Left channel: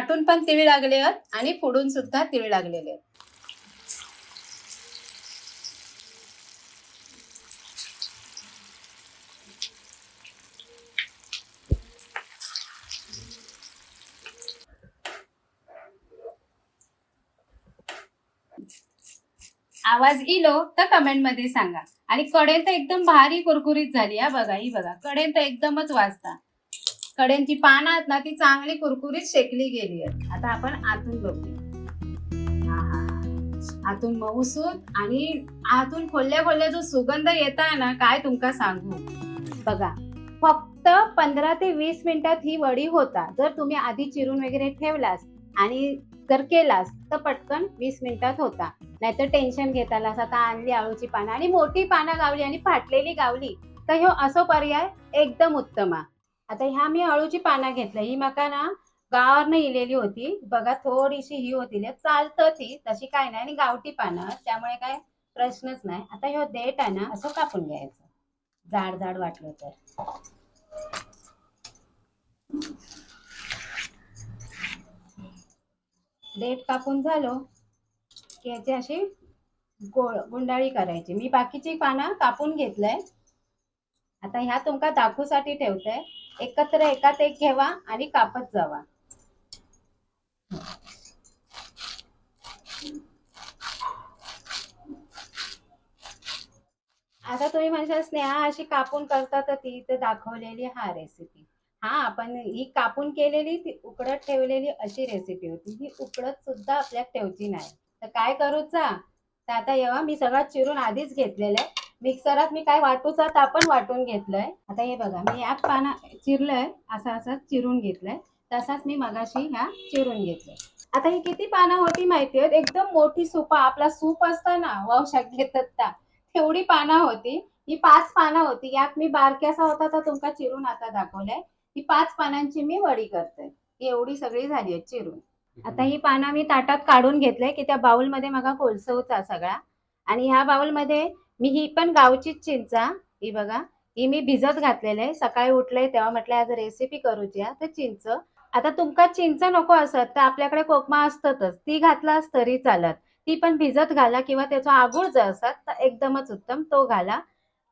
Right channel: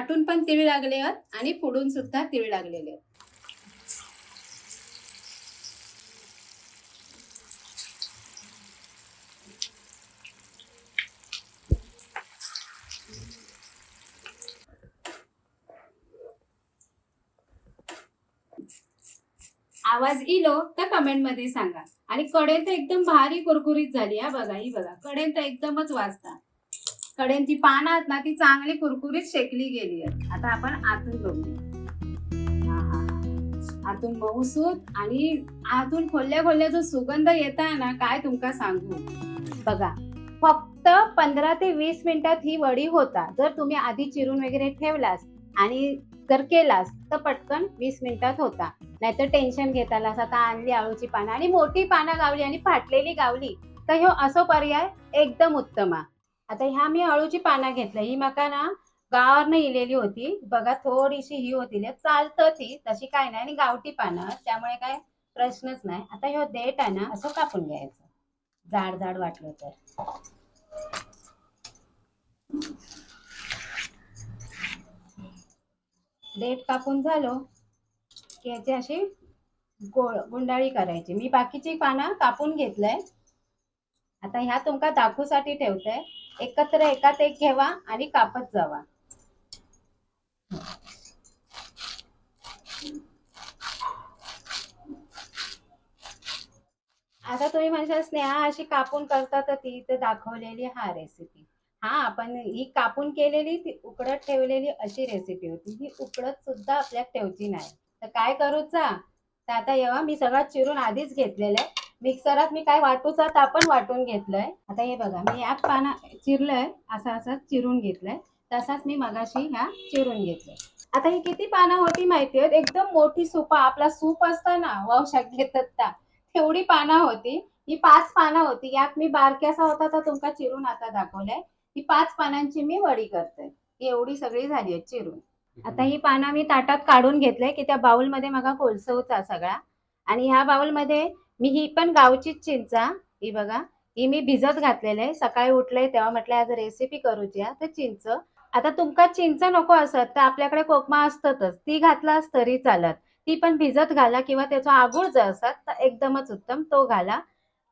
आटून पण तिळ लागले आहेत आणि पुढून सुद्धा तिळ लागलेले आहेत. आवाज इलो तर कमेंटमध्ये सांगा. आणि कडे तर एकदम भारी कुरकुरीत झाली हा बघा ही बघा. कडेन तर एकदमच वाजता. कड्यांची पानं आहेत ना ती चांगली कुरकुरीत शेकली गेली आहेत. आता आपण आतून बघू आतून मऊसूत आणि आतून खोल्या खोल्या जो सुगंध येत आहे ना काय तुमका सांगू? बघा फक्त पंधरा ते वीस मिनिटात ही वडी होता. जर तुम्ही आधी चिरून वगैरे ठेवलास आणि जर केलास तर पटकन वीस मिनिटात होता. नाहीतर टेन्शन घेतालास आता आणली आळूची पानं आणि मोठी पानं गावली आणि फाटलेली गावली तर ह्यो असो पर्याय एकदम उत्तम आहे. आता ह्या मी अळूची पानं घेतल्या. ही मका ना गावावरनं इलेली होती. बघा थोडीशी ही होती. चालतच चालतं ती तशी काय नाही. आणि गावठी पानं त्यामुळे काय प्रश्नच नाही. आता ह्यो देठ आहे ना असं कापून घ्यायचं. जाड जाड वाटलं तर. देठ कापून झालो की याची अशी गोळ गुंडाळी करायची. मी बाकीची पानं कापून घेतलंय. आता ह्या तुमका दाखवूसाठी ठेवतंय एकत्र एकात एक घ्यावा आणि कापत जावा. आता तुम्ही म्हणशाल स्नेहा अशी कापून करता तर ती इथे दाखवलेली हा रेसिपी हा आपण ही कापून केलेली ती उकडत ठेवलेली अशी रेसिपी होती. ही उकडत सुद्धा आपल्यात ठेवची नाही. तर काय करूचा? तर आता येवा मी सगळं चिरून आधीच घेतलेलं आहे. मिक्सरात मी काय वाटूचा तापण वाटून घेतलंय. आता हे बघा मी एक पाना चिरलंय असं असं चिरून घेतलंय. तसाच मी मगाशी ह्या चिरून घेतलंय. आता ही किती पानं होती माहिती आहेत एकदम मोठी सुपा आपला सूप असता ना वंशात घेतात त्या. तेवढी पानं होती. ही पाच पानं होती. यात मी बारक्यासा होता तर तुमका चिरून आता दाखवलंय. ही पाच पानांची मी वडी करते. ही एवढी सगळी झाली आहे चिरून. आता ही पानं मी ताटात काढून घेतलंय की त्या बाउलमध्ये मगा कोलसवचा सगळा. आणि ह्या बाउलमध्ये मी ही पण गावचीच चिंचा ही बघा ही मी भिजत घातलेलं आहे. सकाळी उठले तेव्हा म्हटलं आज रेसिपी करूची तर चिंच. आता तुमका चिंच नको असत तर आपल्याकडे कोकमा असतातच. ती घातलास तरी चालत. ती पण भिजत घाला किंवा त्याचा आगुळ जर असत तर एकदमच उत्तम. तो घाला.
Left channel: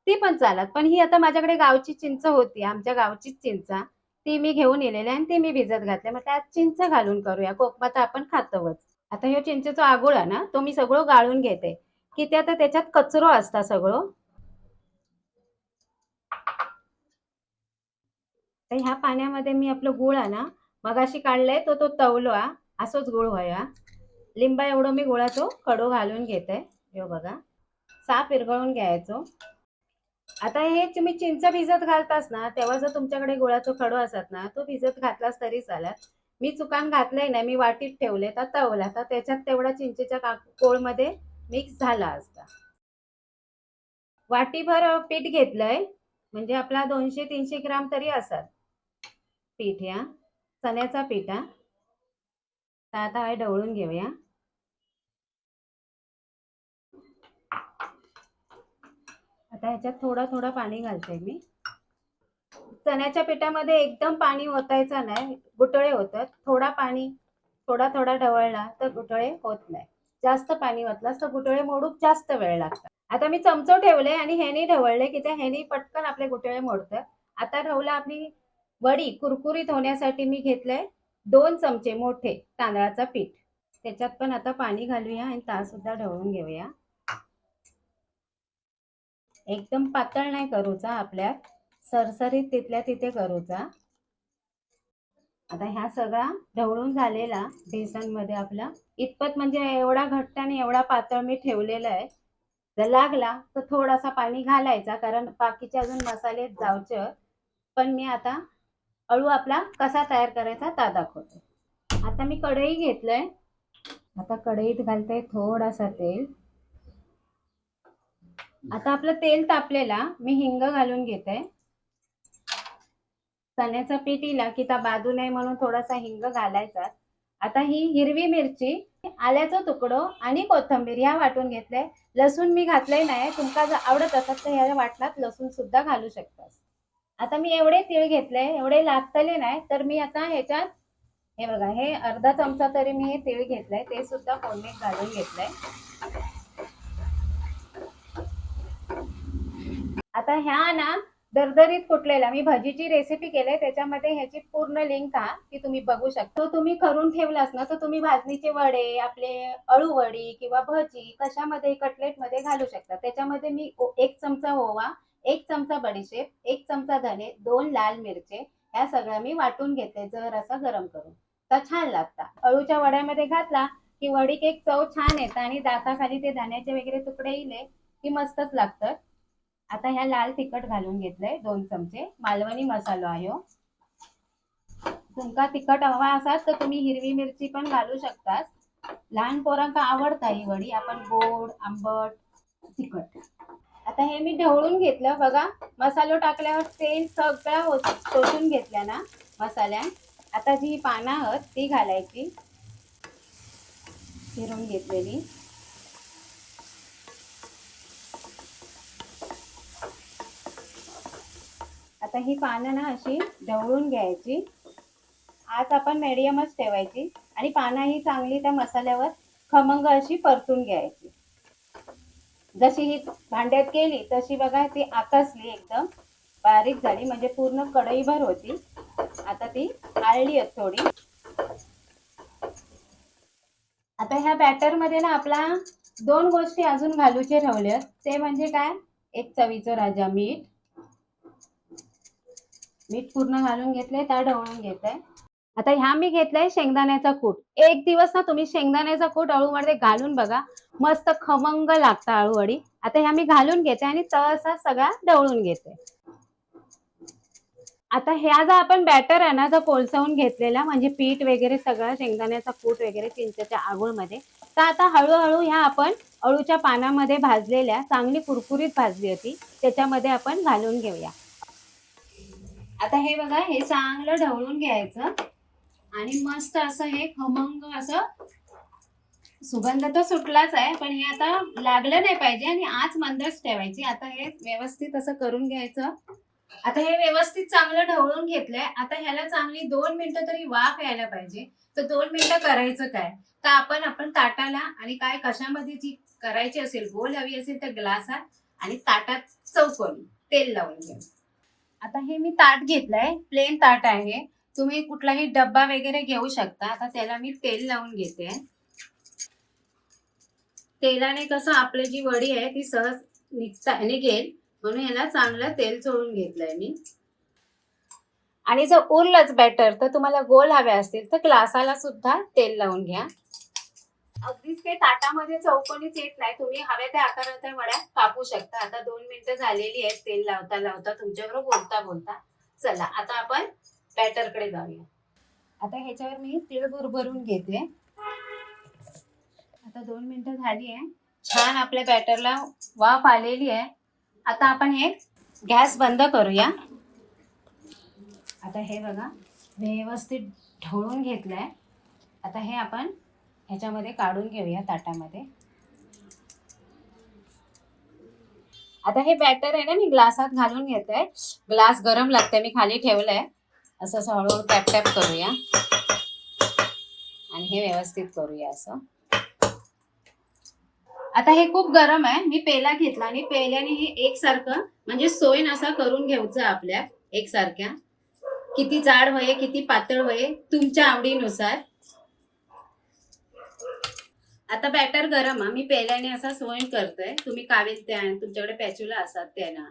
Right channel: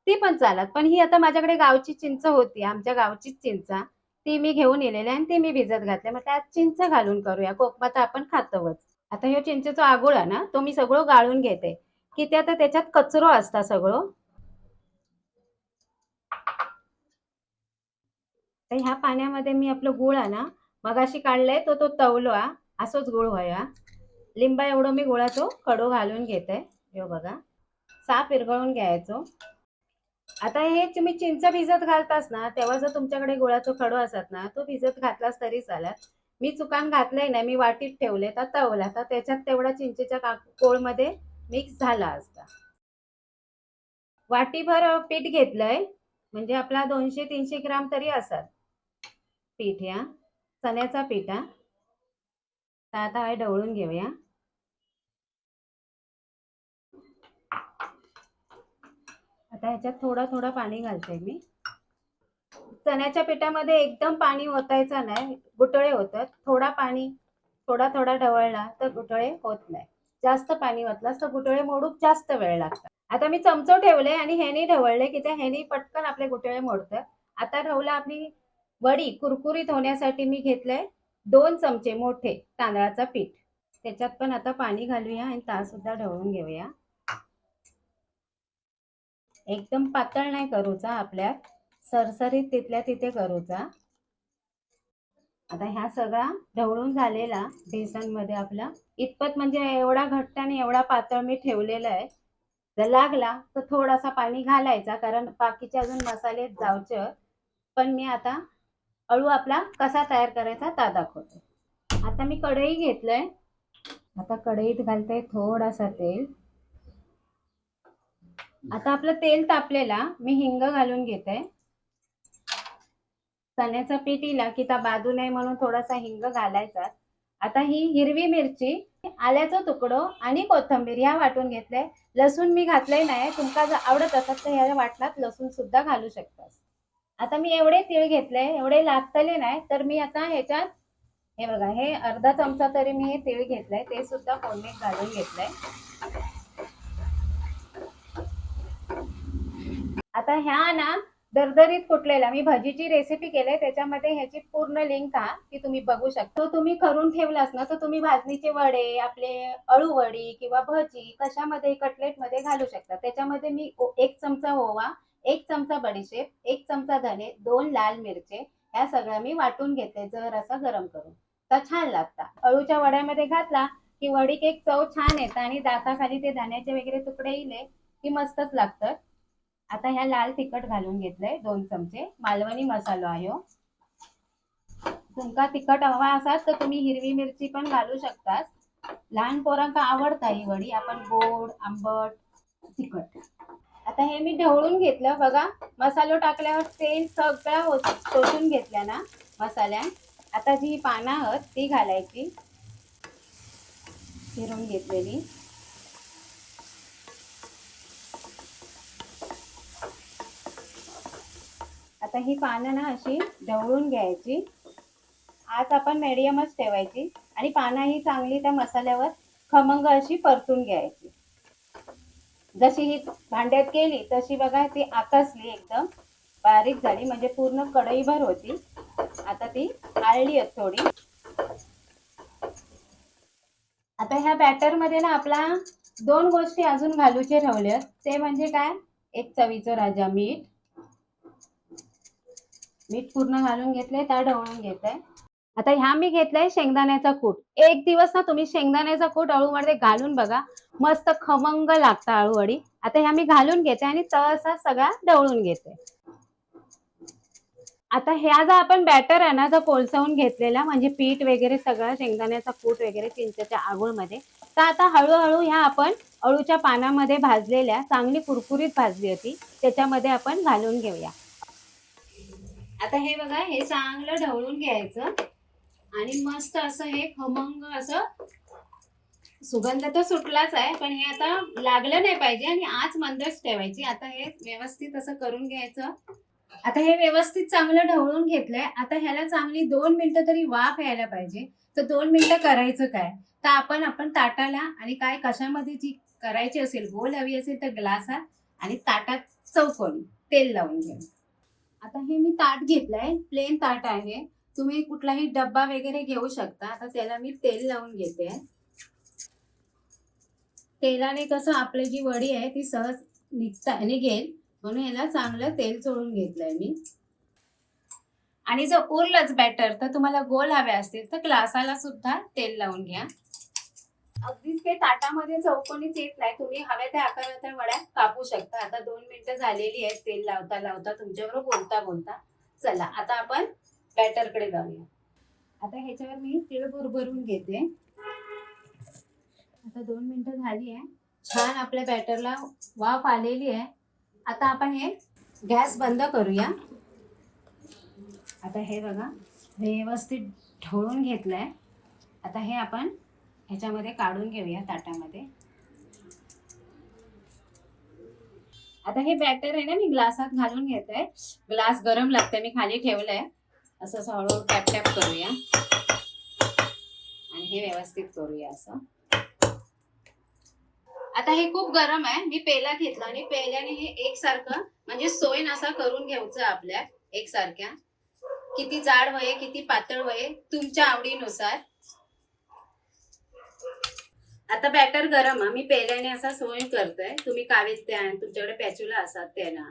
ती पण चालत. पण ही आता माझ्याकडे गावची चिंच होती. आमच्या गावचीच चिंचा ती मी घेऊन येलेली आणि ती मी भिजत घातले. म्हटलं आज चिंच घालून करूया. कोकमा तर आपण खातोच आता ह्या चिंचेचा आगुळ आहे ना तो मी सगळं गाळून घेते. की ते आता त्याच्यात कचरो असता सगळं. तर ह्या पाण्यामध्ये मी आपलं गुळ आहे ना मगाशी काढलाय तो तो तवलो आ असोच गुळ व्हाया लिंबा एवढं मी गुळाचो कडो घालून घेते. हे बघा साफ विरघळून घ्यायचो. आता हे तुम्ही चिंच भिजत घालतास ना तेव्हा जर तुमच्याकडे गुळाचो खडो असत ना तो भिजत घातलास तरी चालत. मी चुकान घातलंय ना मी वाटीत ठेवले तर तवला तर त्याच्यात तेवढा चिंचेच्या का कोळमध्ये मिक्स झाला असता. वाटीभर पीठ घेतलंय म्हणजे आपला दोनशे तीनशे ग्राम तरी असत पीठ या चण्याचा पीठ हा. आता हे ढवळून घेऊया. आता ह्याच्यात थोडं थोडं पाणी घालते मी. चण्याच्या पिठामध्ये एकदम पाणी ओतायचं नाही गुटळे होतात. थोडा पाणी थोडा थोडा ढवळला तर गुटळे होत नाही. जास्त पाणी ओतलास तर गुटळे मोडूक जास्त वेळ लागतात आता मी चमचो ठेवले आणि ह्यानी ढवळले की त्या ह्यानी पटकन आपले गुटळे मोडतात आता ठेवलं आपली वडी कुरकुरीत होण्यासाठी मी घेतलंय दोन चमचे मोठे तांदळाचा पीठ. त्याच्यात पण आता पाणी घालूया आणि ता सुद्धा ढवळून घेऊया. एकदम पातळ नाही करूचा आपल्या सरसरीत तिथल्या तिथे करूचा. आता ह्या सगळा ढवळून झालेला बेसनमध्ये आपला इतपत म्हणजे एवढा घट्ट आणि एवढा पातळ मी ठेवलेला आहे. जर लागला तर थोडासा पाणी घालायचा कारण बाकीचे अजून मसाले जावचे पण मी आता अळू आपला कसा तयार करायचा ता दाखवते. आता मी कढई घेतलंय. आता कढईत घालते थोडासा तेल. आता आपलं तेल तापलेला मी हिंग घालून घेते. चण्याचं पीठ इला की त्या बाजू नाही म्हणून थोडासा हिंग घालायचा. आता ही हिरवी मिरची आल्याचं तुकडो आणि कोथंबीर ह्या वाटून घेतलंय. लसूण मी घातलंय नाही तुमका जर आवडत असत तर ह्या वाटणात लसूण सुद्धा घालू शकतात आता मी एवढे तीळ घेतले एवढे लागतले नाही तर मी आता ह्याच्यात हे बघा हे अर्धा चमचा तरी मी हे तीळ घेतलंय ते सुद्धा फोडणीत घालून घेतलंय. आता ह्या ना दरदरीत कुटलेला मी भजीची रेसिपी केली त्याच्यामध्ये ह्याची पूर्ण लिंक हा ती तुम्ही बघू शकता. तो तुम्ही करून ठेवलास ना तर तुम्ही भाजणीचे वडे आपले अळू वडी किंवा भजी कशामध्ये कटलेटमध्ये घालू शकता. त्याच्यामध्ये मी एक चमचा ओवा एक चमचा बडीशेप एक चमचा धने दोन लाल मिरचे ह्या सगळ्या मी वाटून घेते जर असा गरम करून. तर छान लागतात अळूच्या वड्यामध्ये घातला की वडी केक चव छान येतं आणि दाताखाली ते धान्याचे वगैरे तुकडे येईल की मस्तच लागतं आता ह्या लाल तिखट घालून घेतलंय दोन चमचे. मालवणी मसालो आहे हो. तुमका तिखट हवा असाल तर तुम्ही हिरवी मिरची पण घालू शकता लहान पोरांका आवडता ही वडी. आपण गोड आंबट तिखट. आता हे मी ढवळून घेतलं. बघा मसालो टाकल्यावर तेल सगळं हो- शोषून घेतल्या ना मसाल्या. आता जी पानं आहेत ती घालायची. फिरून घेतलेली. आता ही पानं ना अशी ढवळून घ्यायची. आज आपण मेडियमच ठेवायची. आणि पानं ही चांगली त्या मसाल्यावर खमंग अशी परतून घ्यायची. जशी ही भांड्यात केली तशी बघा ती आकसली एकदम. बारीक झाली म्हणजे पूर्ण कढईभर होती. आता ती आळली आहेत थोडी. आता ह्या बॅटरमध्ये ना आपला दोन गोष्टी अजून घालूचे ठेवले ते म्हणजे काय? एक चवीचं राजा मीठ. मीठ पूर्ण घालून घेतलंय त्या ढवळून घेतलंय. आता ह्या मी घेतलाय शेंगदाण्याचा कूट. एक दिवस ना तुम्ही शेंगदाण्याचा कूट अळूमध्ये घालून बघा. मस्त खमंग लागतं अळूवडी. आता ह्या मी घालून घेते आणि तसा सगळा ढवळून घेते. आता ह्या जो आपण बॅटर आहे ना जर कोलसवून घेतलेला म्हणजे पीठ वगैरे सगळं शेंगदाण्याचा कूट वगैरे चिंचेच्या आगोळमध्ये तर आता हळूहळू ह्या आपण अळूच्या पानामध्ये भाजलेल्या चांगली कुरकुरीत भाजली होती त्याच्यामध्ये आपण घालून घेऊया. आता हे बघा हे चांगलं ढवळून घ्यायचं. आणि मस्त असं हे खमंग असं सुगंध तर सुटलाच आहे पण हे आता लागलं नाही पाहिजे आणि आज मंदच ठेवायची. आता हे व्यवस्थित असं करून घ्यायचं. आता हे व्यवस्थित चांगलं ढवळून घेतलंय. आता ह्याला चांगली दोन मिनिटं तरी वाफ यायला पाहिजे. तर दोन मिनिटं करायचं काय? तर आपण आपण ताटाला आणि काय कशामध्ये जी करायची असेल गोल हवी असेल तर ग्लासात आणि ताटात चौकोन तेल लावून घ्या आता हे मी ताट घेतलंय प्लेन ताट आहे. तुम्ही कुठलाही डब्बा वगैरे घेऊ शकता. आता त्याला मी तेल लावून घेते. तेलाने कसं आपली जी वडी आहे ती सहज निघता निघेल म्हणून याला चांगलं तेल चोळून घेतलंय मी. आणि जर उरलंच बॅटर तर तुम्हाला गोल हवे असतील तर ग्लासाला सुद्धा तेल लावून घ्या. अगदीच ते ताटामध्ये चौकोनीच येत नाही. तुम्ही हव्या त्या आकाराच्या वड्या कापू शकता. आता दोन मिनिटं झालेली आहेत तेल लावता लावता तुमच्याकडे बोलता बोलता. चला आता आपण बॅटरकडे जाऊया. आता ह्याच्यावर मी तिळ भरून घेते. आता दोन मिनिटं झाली आहे. छान आपल्या बॅटरला वाफ आलेली आहे. आता आपण हे गॅस बंद करूया. आता हे बघा व्यवस्थित ढवळून घेतलंय. आता हे आपण ह्याच्यामध्ये काढून घेऊया ताटामध्ये. आता हे बॅटर आहे ना मी ग्लासात घालून घेते. ग्लास गरम लागतंय मी खाली ठेवलंय. असं असं हळूहळू टॅप टॅप करूया. आणि हे व्यवस्थित करूया असं. आता हे खूप गरम आहे मी पेला घेतला. आणि पेल्याने हे एकसारखं म्हणजे सोयन असा करून घ्यायचं आपल्या एकसारख्या. किती जाड वये किती पातळ वये तुमच्या आवडीनुसार. आता बॅटर गरम मी पेल्याने असा सोय करतोय. तुम्ही कावेल त्या तुमच्याकडे पॅच्युला असतात त्या ना.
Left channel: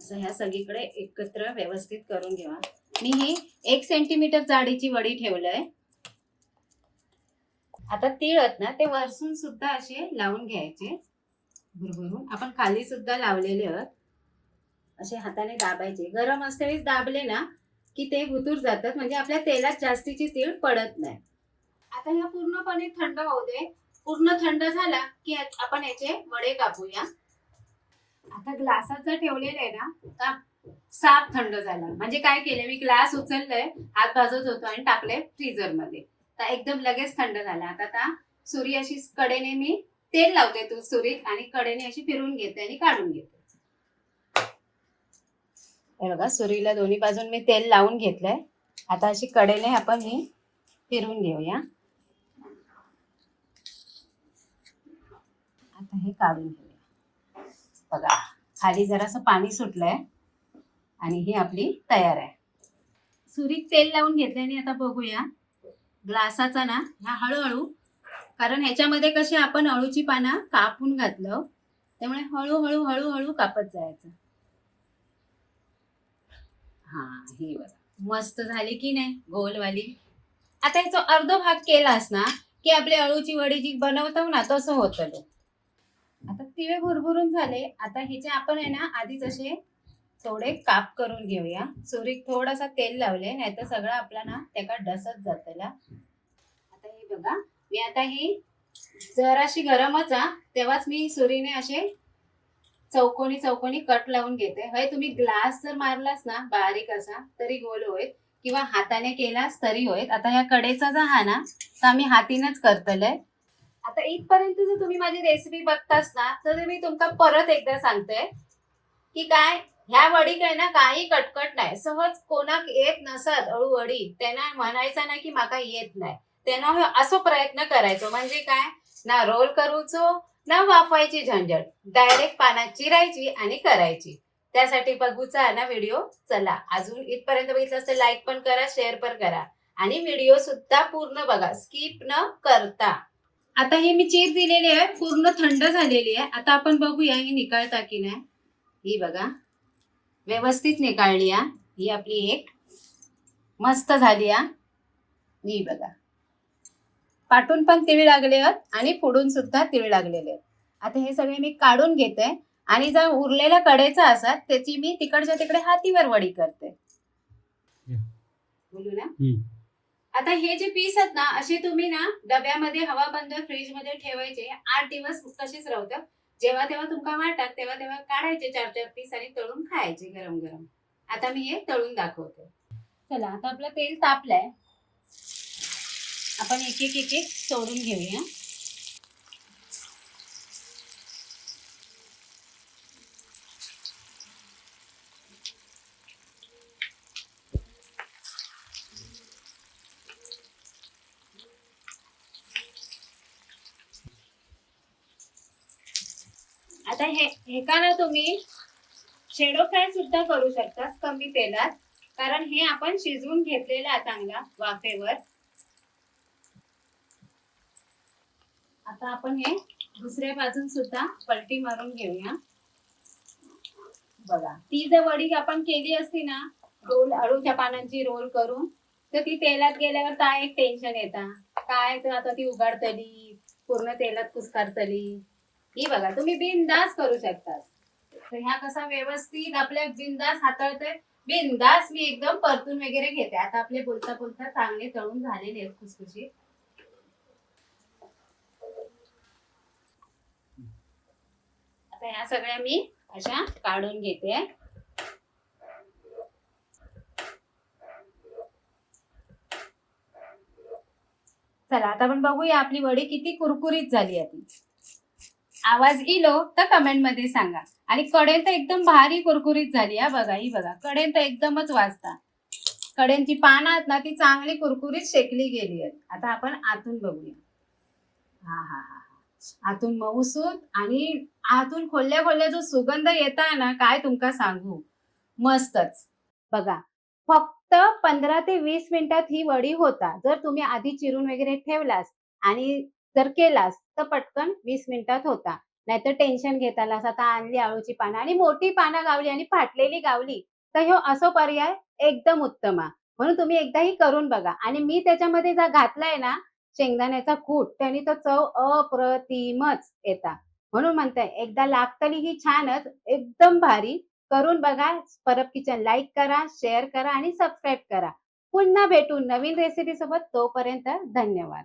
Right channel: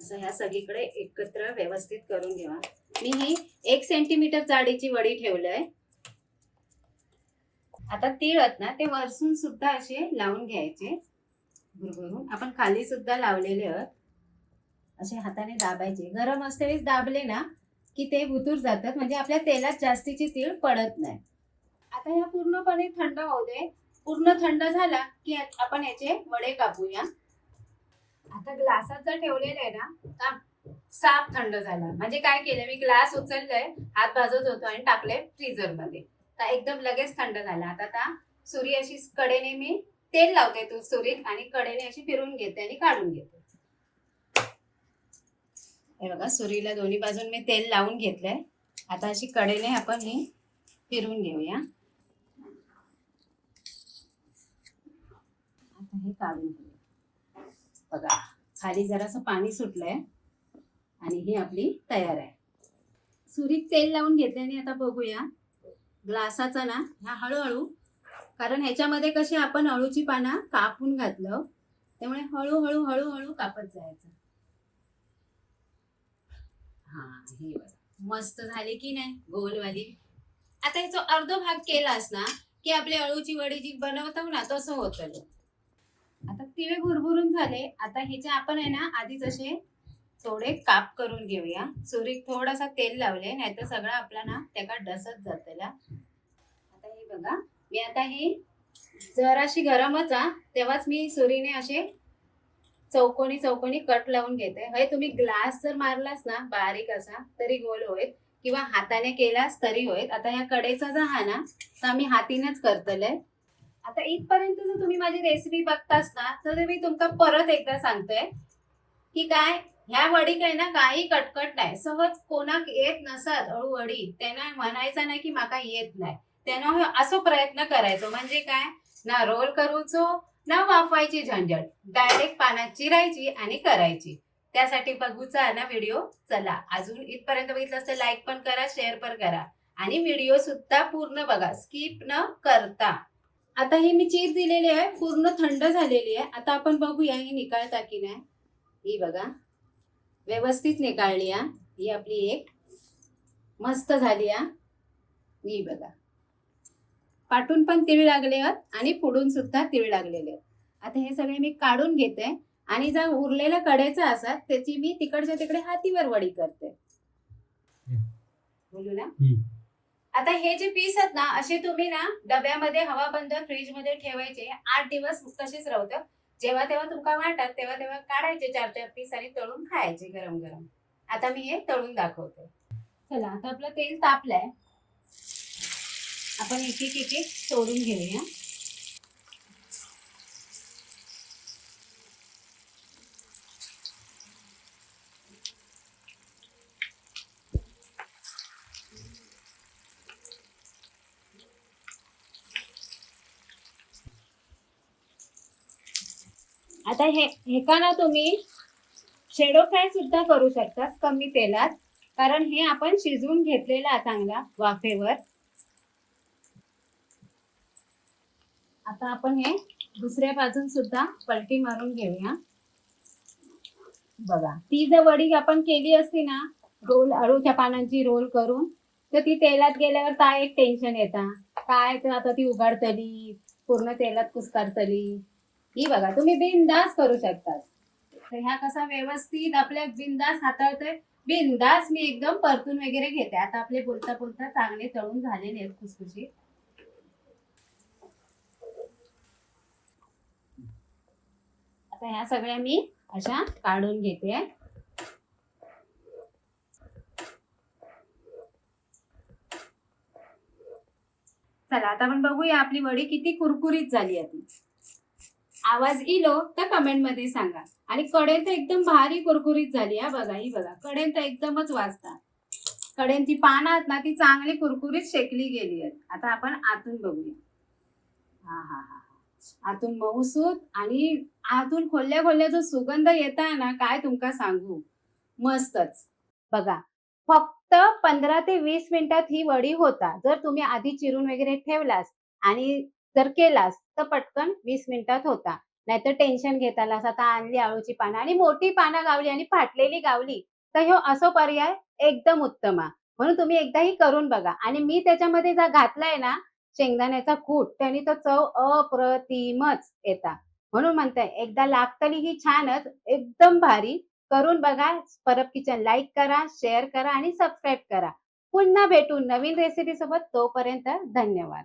असं ह्या सगळीकडे एकत्र व्यवस्थित करून घ्या मी ही एक सेंटीमीटर जाडीची वडी ठेवलंय. आता तीळ आहेत ना ते वरसून सुद्धा असे लावून घ्यायचे. भुरभुरून. आपण खाली सुद्धा लावलेले आहोत. असे हाताने दाबायचे. गरम असतेवेळेस दाबले ना की ते भुतूर जातात. म्हणजे आपल्या तेलात जास्तीची तीळ पडत नाही. आता ह्या पूर्णपणे थंड होऊ दे. पूर्ण थंड झाला की आपण याचे वडे कापूया. आता ग्लासात जर ठेवलेलं आहे ना का? साफ थंड झाला. म्हणजे काय केलं मी ग्लास उचललंय हात भाजत होतो आणि टाकले फ्रीजरमध्ये तर एकदम लगेच थंड झाला. आता आता सुरी अशी कडेने मी तेल लावते तू सुरीत आणि कडेने अशी फिरून घेते आणि काढून घेते. हे बघा सुरीला दोन्ही बाजून मी तेल लावून घेतलंय. आता अशी कडेने आपण ही फिरून घेऊया. आता हे काढून घेऊया. बघा खाली जरासं पाणी सुटलंय आणि ही आपली तयार आहे. सुरीत तेल लावून घेतल्याने आता बघूया. ग्लासाचा ना ह्या हळूहळू कारण ह्याच्यामध्ये कशी आपण अळूची पानं कापून घातलं त्यामुळे हळूहळू हळूहळू कापत जायचं. हा हे बघा. मस्त झाली की नाही गोलवाली? आता ह्याचा अर्ध भाग केलास ना की आपली अळूची वडी जी बनवतो ना तसं होतं तिळे भुरभुरून झाले. आता हिचे आपण आहे ना आधीच असे थोडे काप करून घेऊया. सुरीत थोडासा तेल लावले नाही तर सगळं आपला ना त्याका डसत जातला आता हे बघा मी आता ही जराशी गरमच आ तेव्हाच मी सुरीने असे चौकोनी चौकोनी कट लावून घेते. हे तुम्ही ग्लास जर मारलास ना बारीक असा तरी गोल होईल. किंवा हाताने केलास तरी होईल. आता या कडेचा जो हा ना तर आम्ही हातीनेच करतलंय. आता इथपर्यंत जर तुम्ही माझी रेसिपी बघतास ना तर मी तुमका परत एकदा सांगते की काय ह्या वडी काय ना काही कटकट नाही. सहज कोणाक येत नसत अळू वडी. त्यांना म्हणायचं नाही की माका येत नाही. त्यांना हो असं असो प्रयत्न करायचो. म्हणजे काय? ना रोल करूचो ना वाफवायची झंझट. डायरेक्ट पानात चिरायची आणि करायची. त्यासाठी बघूचा ना व्हिडिओ चला अजून इथपर्यंत बघितलं असतं लाईक पण करा शेअर पण करा. आणि व्हिडिओ सुद्धा पूर्ण बघा. स्किप न करता. आता ही मी चीर दिलेली आहे पूर्ण थंड झालेली आहे. आता आपण बघूया ही निकाळता की नाही. ही बघा. व्यवस्थित निकाळली आहे ही आपली एक मस्त झाली आहे ही बघा. पाटून पण तिळ लागले आहेत आणि पुढून सुद्धा तिळ लागलेले आहेत. आता हे सगळे मी काढून घेते आणि जर उरलेल्या कडेचा असतात त्याची मी तिकडच्या तिकडे हातीवर वडी करते. बोलू ना. आता हे जे पीस आहेत ना असे तुम्ही ना डब्यामध्ये हवा बंद फ्रीजमध्ये ठेवायचे. आठ दिवस तसेच राहतं. जेव्हा तेव्हा तुमका वाटत तेव्हा तेव्हा काढायचे चार चार पीस आणि तळून खायचे गरम गरम. आता मी हे तळून दाखवते. चला आता आपलं तेल तापलंय. आपण एक एक एक एक सोडून घेऊया आता हे का ना तुम्ही शेडो फ्राय सुद्धा करू शकता कमी तेलात. कारण हे आपण शिजवून घेतलेलं आहे चांगला वाफेवर. आता आपण हे दुसऱ्या बाजून सुद्धा पलटी मारून घेऊया. बघा ती जर वडी आपण केली असती ना रोल अळूच्या पानांची रोल करून तर ती तेलात गेल्यावर काय एक टेन्शन येता? काय तर आता ती उघडतली पूर्ण तेलात कुसकारतली. ही बघा तुम्ही बिनदास करू शकता तर ह्या कसा व्यवस्थित आपल्या बिनदास हाताळतोय. बिनदास मी एकदम परतून वगैरे घेते. आता आपले बोलता बोलता चांगले तळून झालेले आहेत खुसखुशीत आता ह्या सगळ्या मी अशा काढून घेते. चला आता आपण बघूया आपली वडी किती कुरकुरीत झाली आहे. आवाज इलो तर कमेंटमध्ये सांगा. आणि कडेन तर एकदम भारी कुरकुरीत झाली हा बघा ही बघा. कडेन तर एकदमच वाजता. कड्यांची पानं आहेत ना ती चांगली कुरकुरीत शेकली गेली आहेत. आता आपण आतून बघूया. हा हा हा आतून मऊसूत आणि आतून खोलल्या खोलल्या जो सुगंध येत आहे ना काय तुमका सांगू? मस्तच. बघा फक्त पंधरा ते वीस मिनिटात ही वडी होता. जर तुम्ही आधी चिरून वगैरे ठेवलास आणि जर केलास तर पटकन वीस मिनिटात होता. नाहीतर टेन्शन घेतालास आता आणली आळूची पानं आणि मोठी पानं गावली आणि फाटलेली गावली तर ह्यो असो पर्याय एकदम उत्तम. म्हणून तुम्ही एकदाही करून बघा. आणि मी त्याच्यामध्ये जर घातलाय ना शेंगदाण्याचा कूट त्याने तो चव अप्रतिमच येता. म्हणून म्हणताय एकदा लागतली ही छानच एकदम भारी. करून बघा परब किचन लाईक करा शेअर करा आणि सबस्क्राईब करा. पुन्हा भेटू नवीन रेसिपी सोबत तोपर्यंत धन्यवाद.